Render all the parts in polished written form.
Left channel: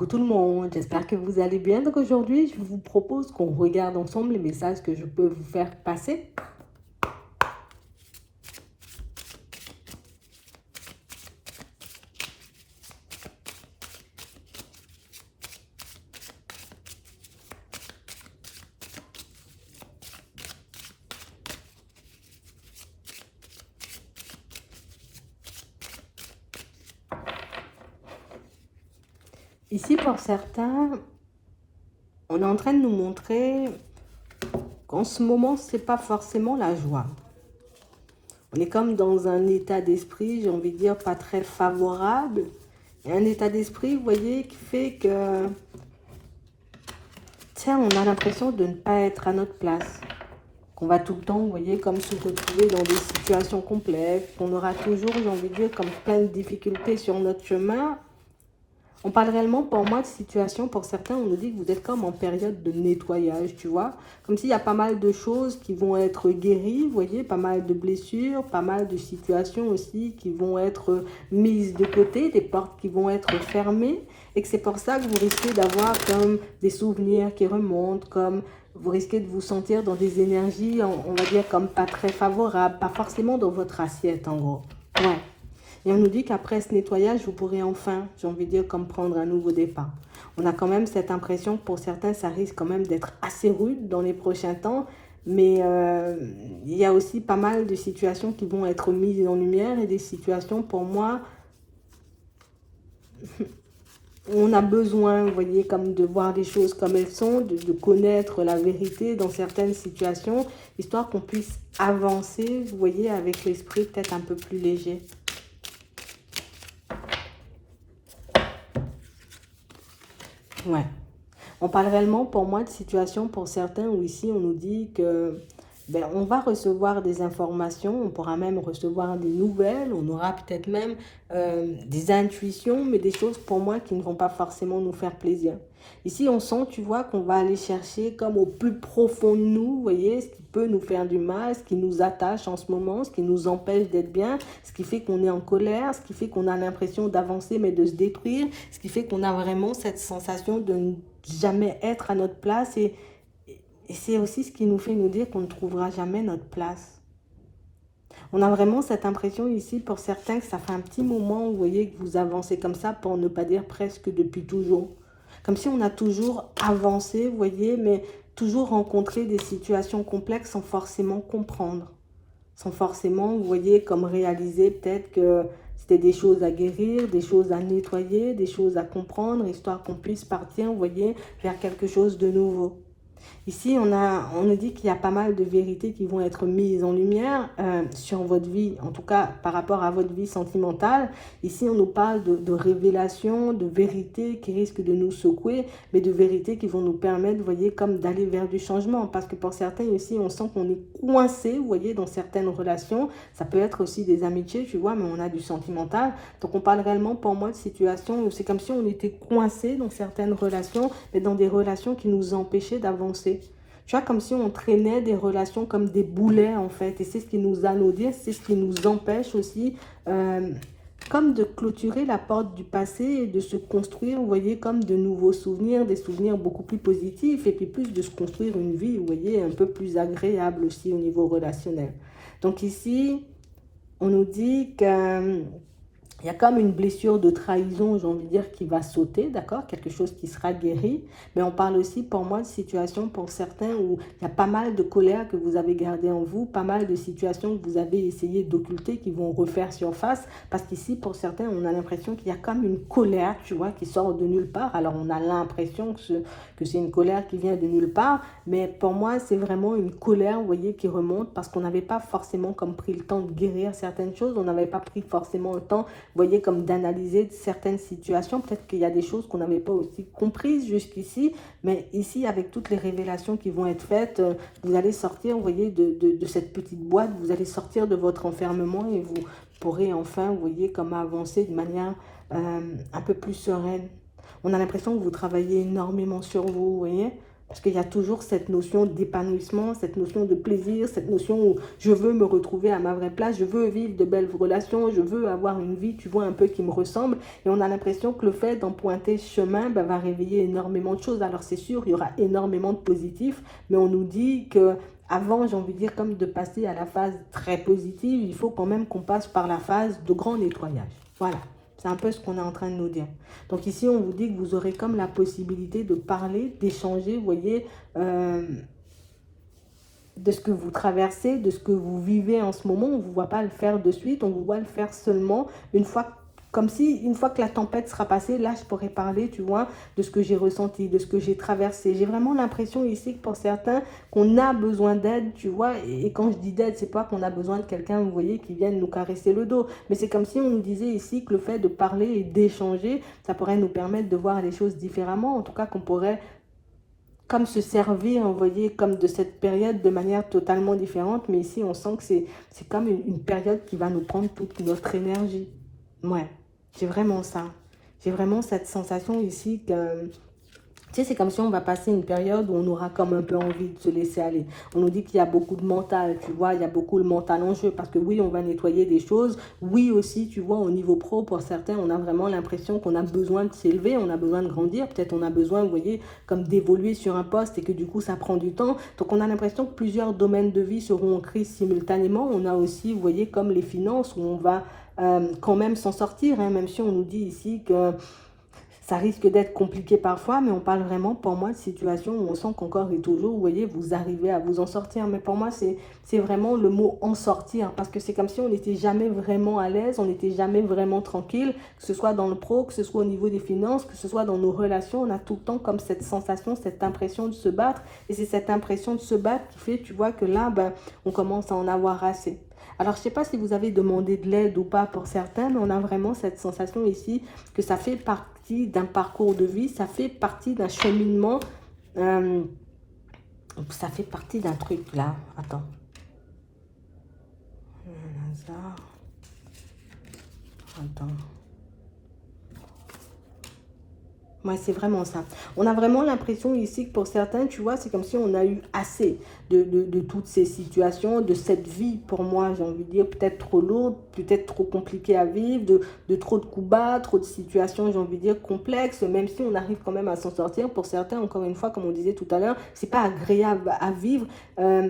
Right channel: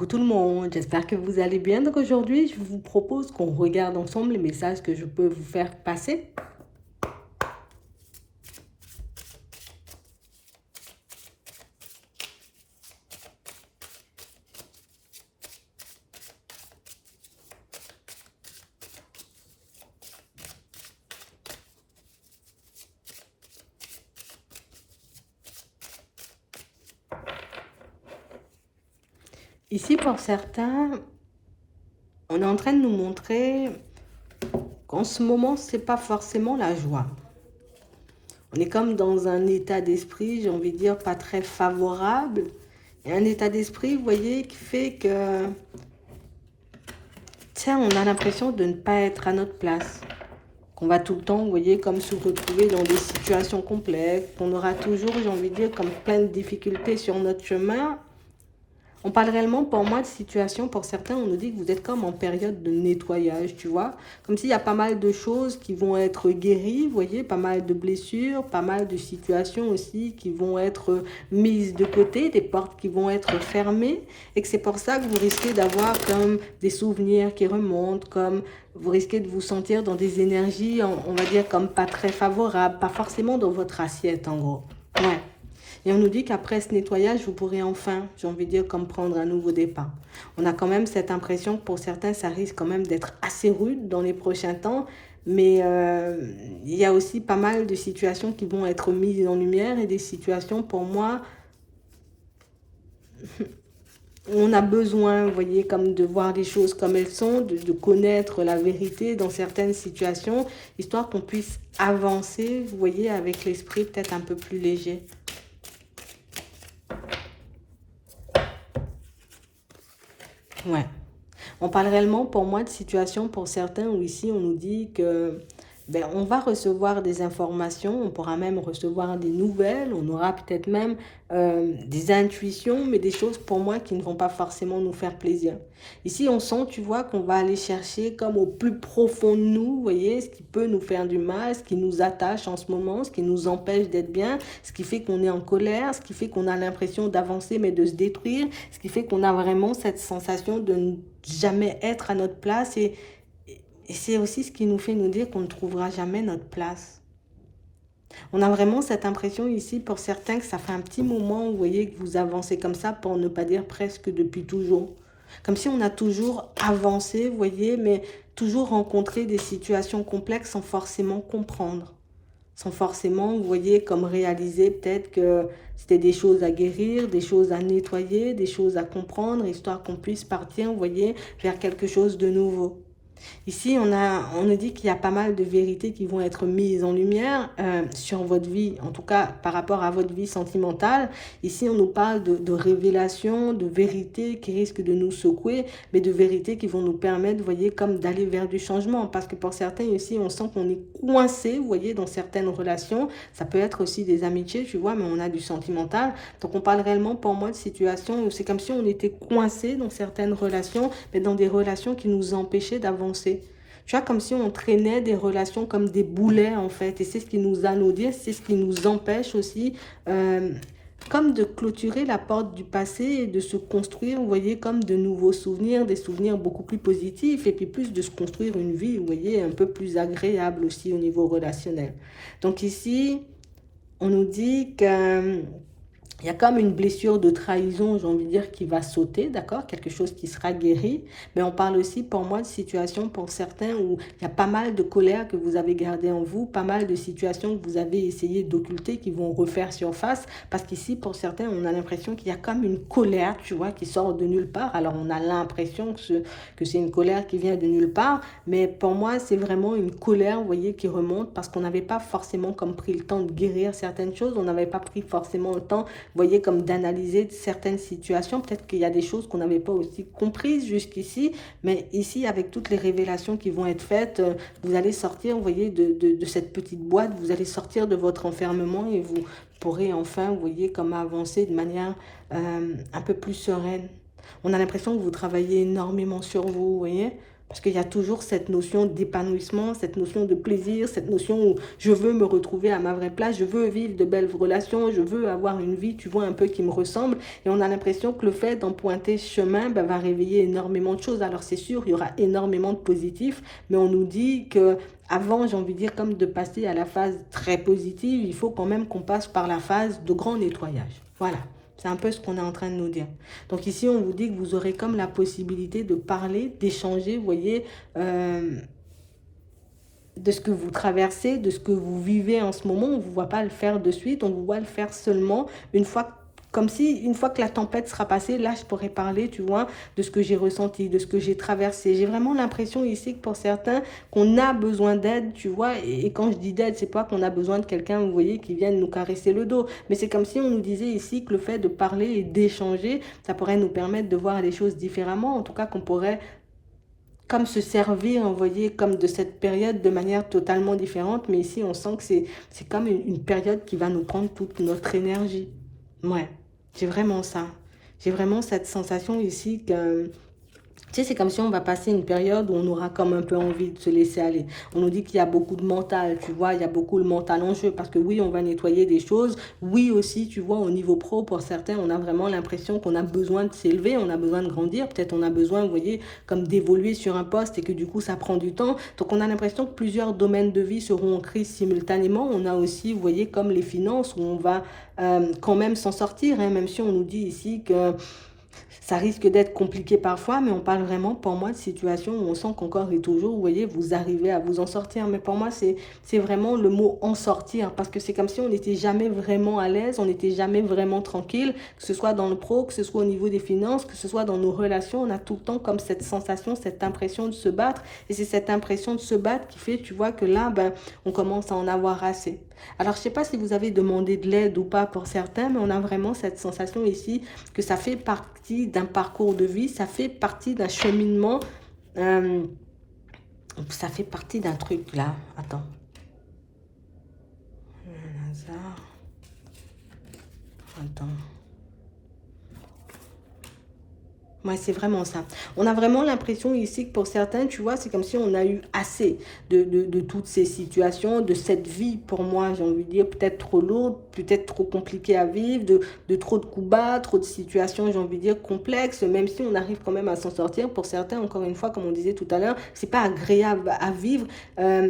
Coucou tout le monde, j'espère que vous allez bien. Donc aujourd'hui, je vous propose qu'on regarde ensemble les messages que je peux vous faire passer. Ici, pour certains, on est en train de nous montrer qu'en ce moment, c'est pas forcément la joie. On est comme dans un état d'esprit, j'ai envie de dire, pas très favorable. Et un état d'esprit, vous voyez, qui fait que, tiens, on a l'impression de ne pas être à notre place. Qu'on va tout le temps, vous voyez, comme se retrouver dans des situations complexes, qu'on aura toujours, j'ai envie de dire, comme plein de difficultés sur notre chemin. On parle réellement pour moi de situation, pour certains, on nous dit que vous êtes comme en période de nettoyage, tu vois. Comme s'il y a pas mal de choses qui vont être guéries, vous voyez, pas mal de blessures, pas mal de situations aussi qui vont être mises de côté, des portes qui vont être fermées. Et que c'est pour ça que vous risquez d'avoir comme des souvenirs qui remontent, comme vous risquez de vous sentir dans des énergies, on va dire, comme pas très favorables, pas forcément dans votre assiette en gros. Ouais. Et on nous dit qu'après ce nettoyage, vous pourrez enfin, j'ai envie de dire, comme prendre un nouveau départ. On a quand même cette impression que pour certains, ça risque quand même d'être assez rude dans les prochains temps. Mais il y a aussi pas mal de situations qui vont être mises en lumière et des situations pour moi où on a besoin, vous voyez, comme de voir les choses comme elles sont, de connaître la vérité dans certaines situations, histoire qu'on puisse avancer, vous voyez, avec l'esprit peut-être un peu plus léger. Ouais. On parle réellement pour moi de situation pour certains où ici on nous dit que on va recevoir des informations, on pourra même recevoir des nouvelles, on aura peut-être même des intuitions, mais des choses pour moi qui ne vont pas forcément nous faire plaisir. Ici on sent, tu vois, qu'on va aller chercher comme au plus profond de nous, vous voyez, ce qui peut nous faire du mal, ce qui nous attache en ce moment, ce qui nous empêche d'être bien, ce qui fait qu'on est en colère, ce qui fait qu'on a l'impression d'avancer mais de se détruire, ce qui fait qu'on a vraiment cette sensation de ne jamais être à notre place et c'est aussi ce qui nous fait nous dire qu'on ne trouvera jamais notre place. On a vraiment cette impression ici pour certains que ça fait un petit moment, vous voyez, que vous avancez comme ça pour ne pas dire presque depuis toujours. Comme si on a toujours avancé, vous voyez, mais toujours rencontré des situations complexes sans forcément comprendre. Sans forcément, vous voyez, comme réaliser peut-être que c'était des choses à guérir, des choses à nettoyer, des choses à comprendre, histoire qu'on puisse partir, vous voyez, vers quelque chose de nouveau. Ici, on nous dit qu'il y a pas mal de vérités qui vont être mises en lumière sur votre vie, en tout cas par rapport à votre vie sentimentale. Ici, on nous parle de révélations, de vérités qui risquent de nous secouer, mais de vérités qui vont nous permettre, vous voyez, comme d'aller vers du changement. Parce que pour certains ici, on sent qu'on est coincé, vous voyez, dans certaines relations. Ça peut être aussi des amitiés, tu vois, mais on a du sentimental. Donc, on parle réellement pour moi de situations où c'est comme si on était coincé dans certaines relations, mais dans des relations qui nous empêchaient d'avancer. Tu vois, comme si on traînait des relations comme des boulets, en fait. Et c'est ce qui nous anodine, c'est ce qui nous empêche aussi, euh, comme de clôturer la porte du passé et de se construire, vous voyez, comme de nouveaux souvenirs, des souvenirs beaucoup plus positifs, et puis plus de se construire une vie, vous voyez, un peu plus agréable aussi au niveau relationnel. Donc ici, on nous dit que il y a comme une blessure de trahison, j'ai envie de dire, qui va sauter, d'accord? Quelque chose qui sera guéri. Mais on parle aussi, pour moi, de situations pour certains où il y a pas mal de colère que vous avez gardée en vous, pas mal de situations que vous avez essayé d'occulter qui vont refaire surface. Parce qu'ici, pour certains, on a l'impression qu'il y a comme une colère, tu vois, qui sort de nulle part. Alors, on a l'impression que c'est une colère qui vient de nulle part. Mais pour moi, c'est vraiment une colère, vous voyez, qui remonte parce qu'on n'avait pas forcément comme pris le temps de guérir certaines choses. On n'avait pas pris forcément le temps, vous voyez, comme d'analyser certaines situations. Peut-être qu'il y a des choses qu'on n'avait pas aussi comprises jusqu'ici, mais ici, avec toutes les révélations qui vont être faites, vous allez sortir, vous voyez, de cette petite boîte, vous allez sortir de votre enfermement et vous pourrez enfin, vous voyez, comme avancer de manière un peu plus sereine. On a l'impression que vous travaillez énormément sur vous, vous voyez. Parce qu'il y a toujours cette notion d'épanouissement, cette notion de plaisir, cette notion où je veux me retrouver à ma vraie place, je veux vivre de belles relations, je veux avoir une vie, tu vois, un peu qui me ressemble. Et on a l'impression que le fait d'emprunter ce chemin ben, va réveiller énormément de choses. Alors c'est sûr, il y aura énormément de positifs, mais on nous dit que avant, j'ai envie de dire, comme de passer à la phase très positive, il faut quand même qu'on passe par la phase de grand nettoyage. Voilà. C'est un peu ce qu'on est en train de nous dire. Donc ici, on vous dit que vous aurez comme la possibilité de parler, d'échanger, vous voyez, euh, de ce que vous traversez, de ce que vous vivez en ce moment. On ne vous voit pas le faire de suite, on vous voit le faire seulement une fois, comme si une fois que la tempête sera passée, là je pourrais parler, tu vois, de ce que j'ai ressenti, de ce que j'ai traversé. J'ai vraiment l'impression ici que pour certains, qu'on a besoin d'aide, tu vois, et quand je dis d'aide, c'est pas qu'on a besoin de quelqu'un, vous voyez, qui vienne nous caresser le dos, mais c'est comme si on nous disait ici que le fait de parler et d'échanger, ça pourrait nous permettre de voir les choses différemment, en tout cas qu'on pourrait comme se servir, vous voyez, comme de cette période de manière totalement différente. Mais ici, on sent que c'est comme une période qui va nous prendre toute notre énergie. Ouais, j'ai vraiment ça. J'ai vraiment cette sensation ici que tu sais, c'est comme si on va passer une période où on aura comme un peu envie de se laisser aller. On nous dit qu'il y a beaucoup de mental, tu vois, il y a beaucoup le mental en jeu parce que oui, on va nettoyer des choses. Oui aussi, tu vois, au niveau pro, pour certains, on a vraiment l'impression qu'on a besoin de s'élever, on a besoin de grandir. Peut-être on a besoin, vous voyez, comme d'évoluer sur un poste et que du coup, ça prend du temps. Donc, on a l'impression que plusieurs domaines de vie seront en crise simultanément. On a aussi, vous voyez, comme les finances où on va quand même s'en sortir, hein, même si on nous dit ici que ça risque d'être compliqué parfois, mais on parle vraiment pour moi de situations où on sent qu'encore et toujours, vous voyez, vous arrivez à vous en sortir. Mais pour moi, c'est vraiment le mot en sortir, parce que c'est comme si on n'était jamais vraiment à l'aise, on n'était jamais vraiment tranquille, que ce soit dans le pro, que ce soit au niveau des finances, que ce soit dans nos relations, on a tout le temps comme cette sensation, cette impression de se battre. Et c'est cette impression de se battre qui fait, tu vois, que là, ben, on commence à en avoir assez. Alors, je ne sais pas si vous avez demandé de l'aide ou pas pour certains, mais on a vraiment cette sensation ici que ça fait partie d'un parcours de vie, ça fait partie d'un cheminement, euh, ça fait partie d'un truc là. Attends. Attends. Ouais, c'est vraiment ça. On a vraiment l'impression ici que pour certains, tu vois, c'est comme si on a eu assez de toutes ces situations, de cette vie, pour moi, j'ai envie de dire, peut-être trop lourde, peut-être trop compliquée à vivre, de trop de coups bas, trop de situations, j'ai envie de dire, complexes, même si on arrive quand même à s'en sortir. Pour certains, encore une fois, comme on disait tout à l'heure, c'est pas agréable à vivre,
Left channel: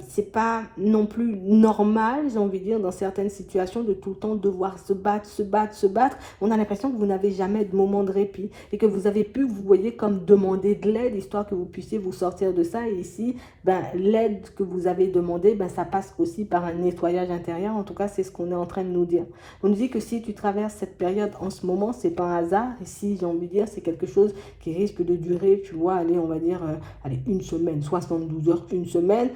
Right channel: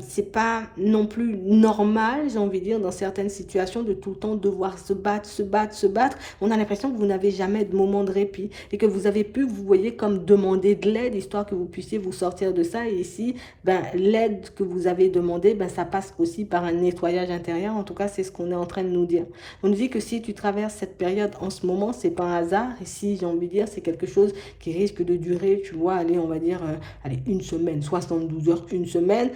c'est pas non plus normal, j'ai envie de dire, dans certaines situations, de tout le temps devoir se battre, se battre, se battre. On a l'impression que vous n'avez jamais de moment de répit et que vous avez pu, vous voyez, comme demander de l'aide, histoire que vous puissiez vous sortir de ça. Et ici, ben, l'aide que vous avez demandée, ben, ça passe aussi par un nettoyage intérieur. En tout cas, c'est ce qu'on est en train de nous dire. On nous dit que si tu traverses cette période en ce moment, c'est pas un hasard. Et si, j'ai envie de dire, c'est quelque chose qui risque de durer, tu vois, allez, on va dire, allez, une semaine, 72 heures, une semaine.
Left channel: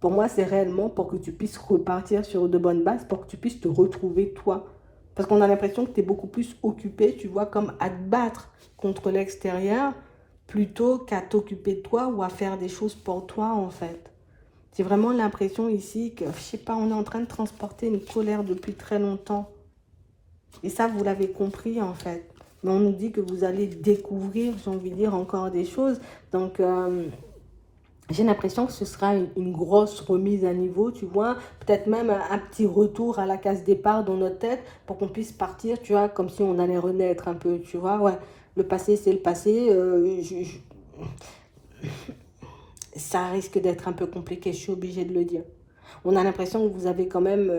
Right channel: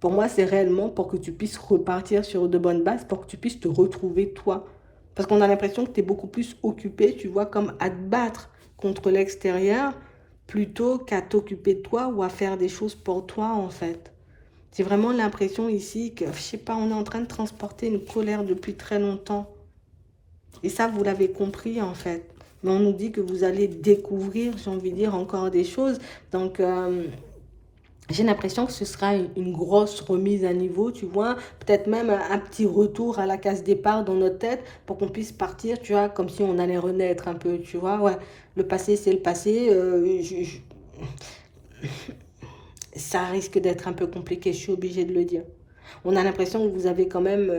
Pour moi, c'est réellement pour que tu puisses repartir sur de bonnes bases, pour que tu puisses te retrouver toi. Parce qu'on a l'impression que tu es beaucoup plus occupé, tu vois, comme à te battre contre l'extérieur, plutôt qu'à t'occuper de toi ou à faire des choses pour toi, en fait. C'est vraiment l'impression ici que, je sais pas, on est en train de transporter une colère depuis très longtemps. Et ça, vous l'avez compris, en fait. Mais on nous dit que vous allez découvrir, j'ai envie de dire, encore des choses. Donc, j'ai l'impression que ce sera une grosse remise à niveau, tu vois, peut-être même un petit retour à la case départ dans notre tête pour qu'on puisse partir, tu vois, comme si on allait renaître un peu, tu vois. Ouais, le passé, c'est le passé. Ça risque d'être un peu compliqué, je suis obligée de le dire. On a l'impression que vous avez quand même,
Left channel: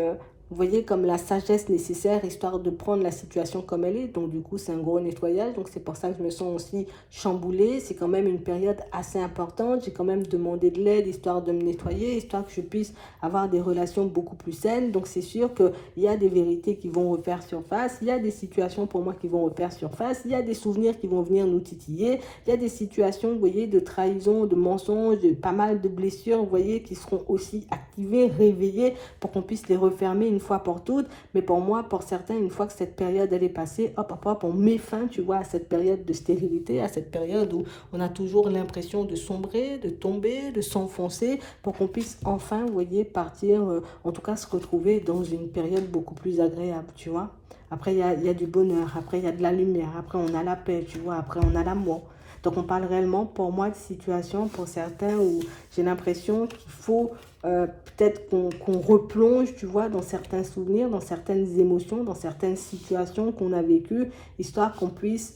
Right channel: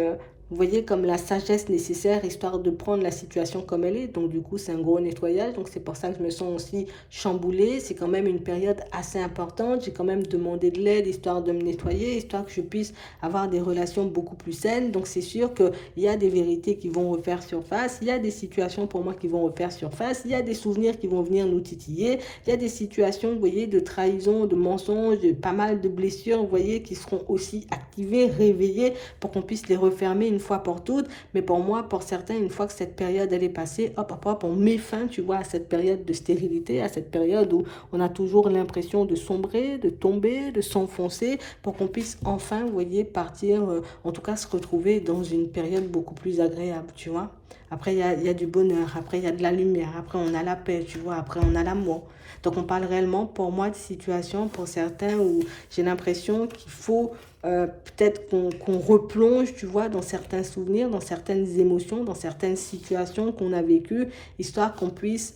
vous voyez, comme la sagesse nécessaire, histoire de prendre la situation comme elle est. Donc, du coup, c'est un gros nettoyage. Donc, c'est pour ça que je me sens aussi chamboulée. C'est quand même une période assez importante. J'ai quand même demandé de l'aide, histoire de me nettoyer, histoire que je puisse avoir des relations beaucoup plus saines. Donc, c'est sûr qu'il y a des vérités qui vont refaire surface. Il y a des situations pour moi qui vont refaire surface. Il y a des souvenirs qui vont venir nous titiller. Il y a des situations, vous voyez, de trahison, de mensonges, de pas mal de blessures, vous voyez, qui seront aussi activées, réveillées pour qu'on puisse les refermer une fois pour toutes. Mais pour moi, pour certains, une fois que cette période elle est passée, hop, hop, hop, on met fin, tu vois, à cette période de stérilité, à cette période où on a toujours l'impression de sombrer, de tomber, de s'enfoncer, pour qu'on puisse enfin, vous voyez, partir, en tout cas se retrouver dans une période beaucoup plus agréable, tu vois. Après, il y a du bonheur. Après, il y a de la lumière. Après, on a la paix, tu vois. Après, on a l'amour. Donc, on parle réellement, pour moi, de situations, pour certains, où j'ai l'impression qu'il faut peut-être qu'on replonge, tu vois, dans certains souvenirs, dans certaines émotions, dans certaines situations qu'on a vécues, histoire qu'on puisse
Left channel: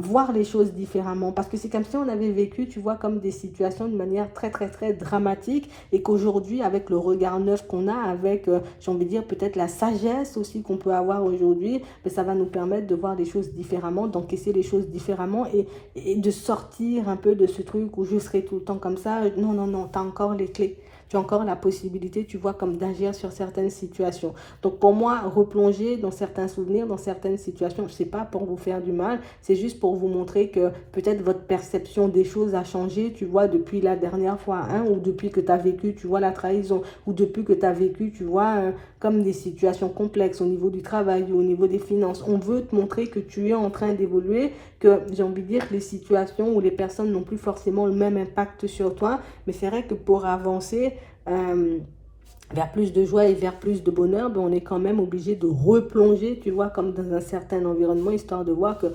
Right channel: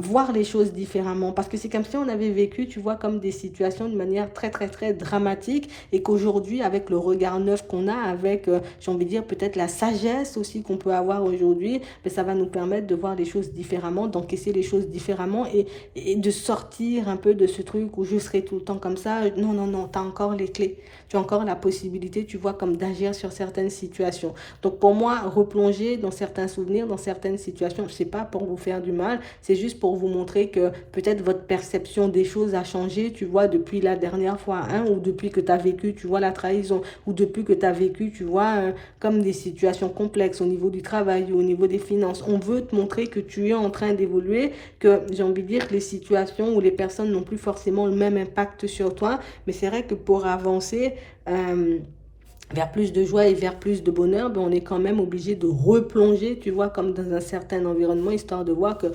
voir les choses différemment. Parce que c'est comme si on avait vécu, tu vois, comme des situations de manière très, très, très dramatique et qu'aujourd'hui, avec le regard neuf qu'on a, avec, j'ai envie de dire, peut-être la sagesse aussi qu'on peut avoir aujourd'hui, ben, ça va nous permettre de voir les choses différemment, d'encaisser les choses différemment et de sortir un peu de ce truc où je serai tout le temps comme ça. Non, non, non, tu as encore les clés. Tu as encore la possibilité, tu vois, comme d'agir sur certaines situations. Donc pour moi, replonger dans certains souvenirs, dans certaines situations, ce n'est pas pour vous faire du mal, c'est juste pour vous montrer que peut-être votre perception des choses a changé, tu vois, depuis la dernière fois, hein, ou depuis que tu as vécu, tu vois, la trahison, ou depuis que tu as vécu, tu vois, comme des situations complexes au niveau du travail ou au niveau des finances. On veut te montrer que tu es en train d'évoluer, que j'ai envie de dire que les situations ou les personnes n'ont plus forcément le même impact sur toi, mais c'est vrai que pour avancer, euh, vers plus de joie et vers plus de bonheur, ben on est quand même obligé de replonger, tu vois, comme dans un certain environnement, histoire de voir que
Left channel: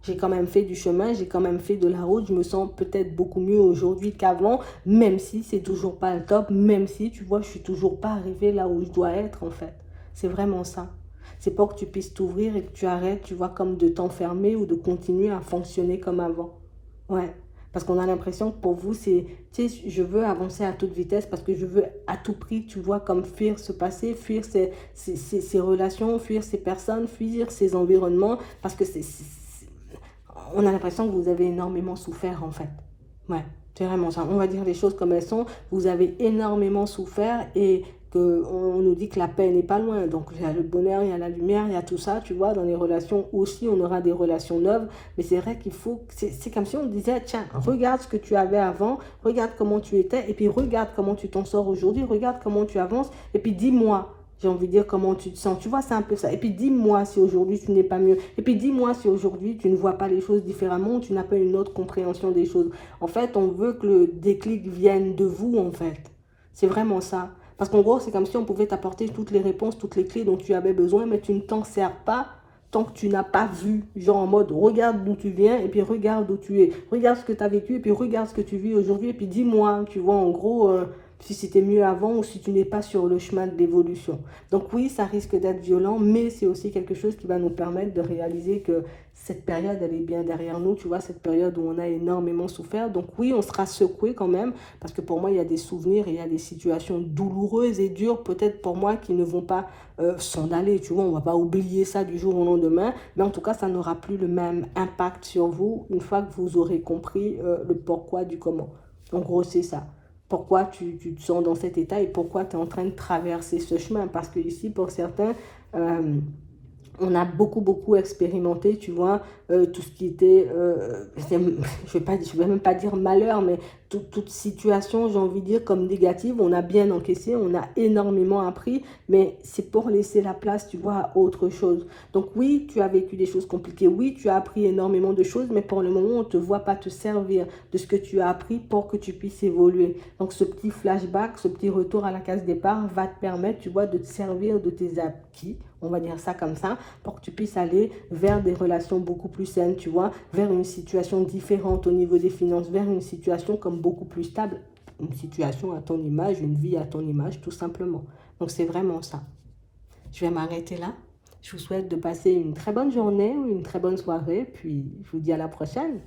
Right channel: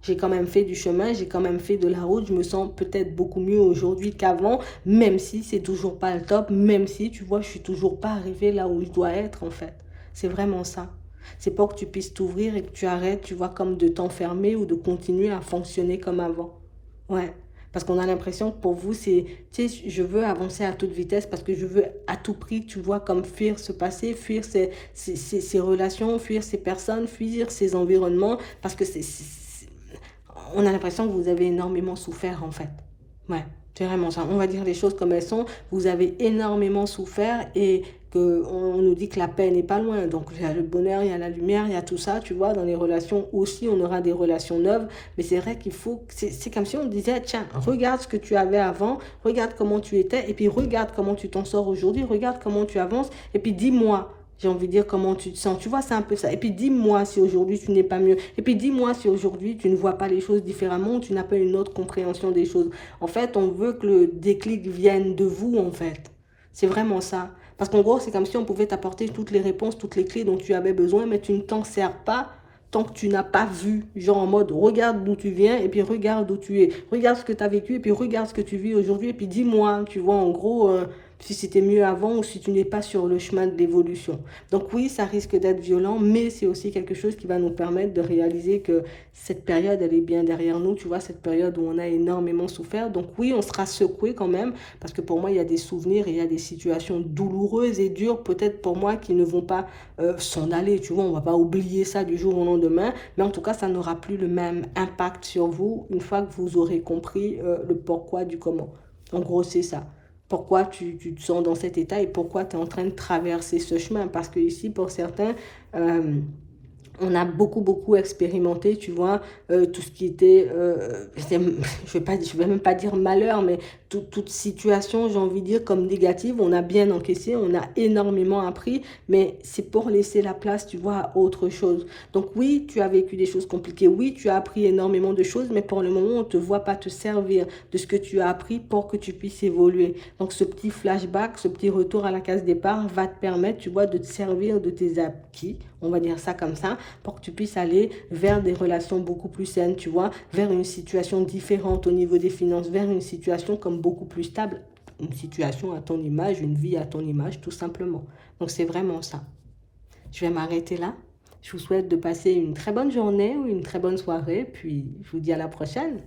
j'ai quand même fait du chemin, j'ai quand même fait de la route, je me sens peut-être beaucoup mieux aujourd'hui qu'avant, même si c'est toujours pas le top, même si, tu vois, je suis toujours pas arrivé là où je dois être, en fait. C'est vraiment ça. C'est pour que tu puisses t'ouvrir et que tu arrêtes, tu vois, comme de t'enfermer ou de continuer à fonctionner comme avant. Ouais. Parce qu'on a l'impression que pour vous, c'est, tu sais, je veux avancer à toute vitesse parce que je veux à tout prix, tu vois, comme fuir ce passé, fuir ces relations, fuir ces personnes, fuir ces environnements, parce que on a l'impression que vous avez énormément souffert, en fait. Ouais, c'est vraiment ça. On va dire les choses comme elles sont. Vous avez énormément souffert et que on nous dit que la paix n'est pas loin. Donc, il y a le bonheur, il y a la lumière, il y a tout ça, tu vois. Dans les relations aussi, on aura des relations neuves. Mais c'est vrai qu'il faut... C'est comme si on disait, tiens, regarde ce que tu avais avant, regarde comment tu étais, et puis regarde comment tu t'en sors aujourd'hui, regarde comment tu avances, et puis dis-moi, j'ai envie de dire comment tu te sens. Tu vois, c'est un peu ça. Et puis dis-moi si aujourd'hui tu n'es pas mieux. Et puis dis-moi si aujourd'hui tu ne vois pas les choses différemment ou tu n'as pas une autre compréhension des choses. En fait, on veut que le déclic vienne de vous, en fait. C'est vraiment ça. Parce qu'en gros, c'est comme si on pouvait t'apporter toutes les réponses, toutes les clés dont tu avais besoin, mais tu ne t'en sers pas tant que tu n'as pas vu. Genre en mode, regarde d'où tu viens et puis regarde où tu es. Regarde ce que tu as vécu et puis regarde ce que tu vis aujourd'hui et puis dis-moi, tu vois, en gros... si c'était mieux avant ou si tu n'es pas sur le chemin de l'évolution. Donc oui, ça risque d'être violent, mais c'est aussi quelque chose qui va nous permettre de réaliser que cette période, elle est bien derrière nous, tu vois, cette période où on a énormément souffert. Donc oui, on sera secoué quand même, parce que pour moi, il y a des souvenirs et il y a des situations douloureuses et dures, peut-être pour moi, qui ne vont pas s'en aller, tu vois, on va pas oublier ça du jour au lendemain, mais en tout cas, ça n'aura plus le même impact sur vous une fois que vous aurez compris le pourquoi du comment. En gros, c'est ça. Pourquoi tu te sens dans cet état et pourquoi tu es en train de traverser ce chemin. Parce que ici, pour certains, euh, on a beaucoup, beaucoup expérimenté, tu vois, tout ce qui était, je vais même pas dire malheur, mais toute situation, j'ai envie de dire, comme négative, on a bien encaissé, on a énormément appris, mais c'est pour laisser la place, tu vois, à autre chose. Donc oui, tu as vécu des choses compliquées, oui, tu as appris énormément de choses, mais pour le moment, on ne te voit pas te servir de ce que tu as appris pour que tu puisses évoluer. Donc ce petit flashback, ce petit retour à la case départ va te permettre, tu vois, de te servir de tes acquis, on va dire ça comme ça, pour que tu puisses aller vers des relations beaucoup plus saines, tu vois, vers une situation différente au niveau des finances, vers une situation comme beaucoup plus stable, une situation à ton image, une vie à ton image, tout simplement. Donc c'est vraiment ça. Je vais m'arrêter là. Je vous souhaite de passer une très bonne journée ou une très bonne soirée, puis je vous dis à la prochaine.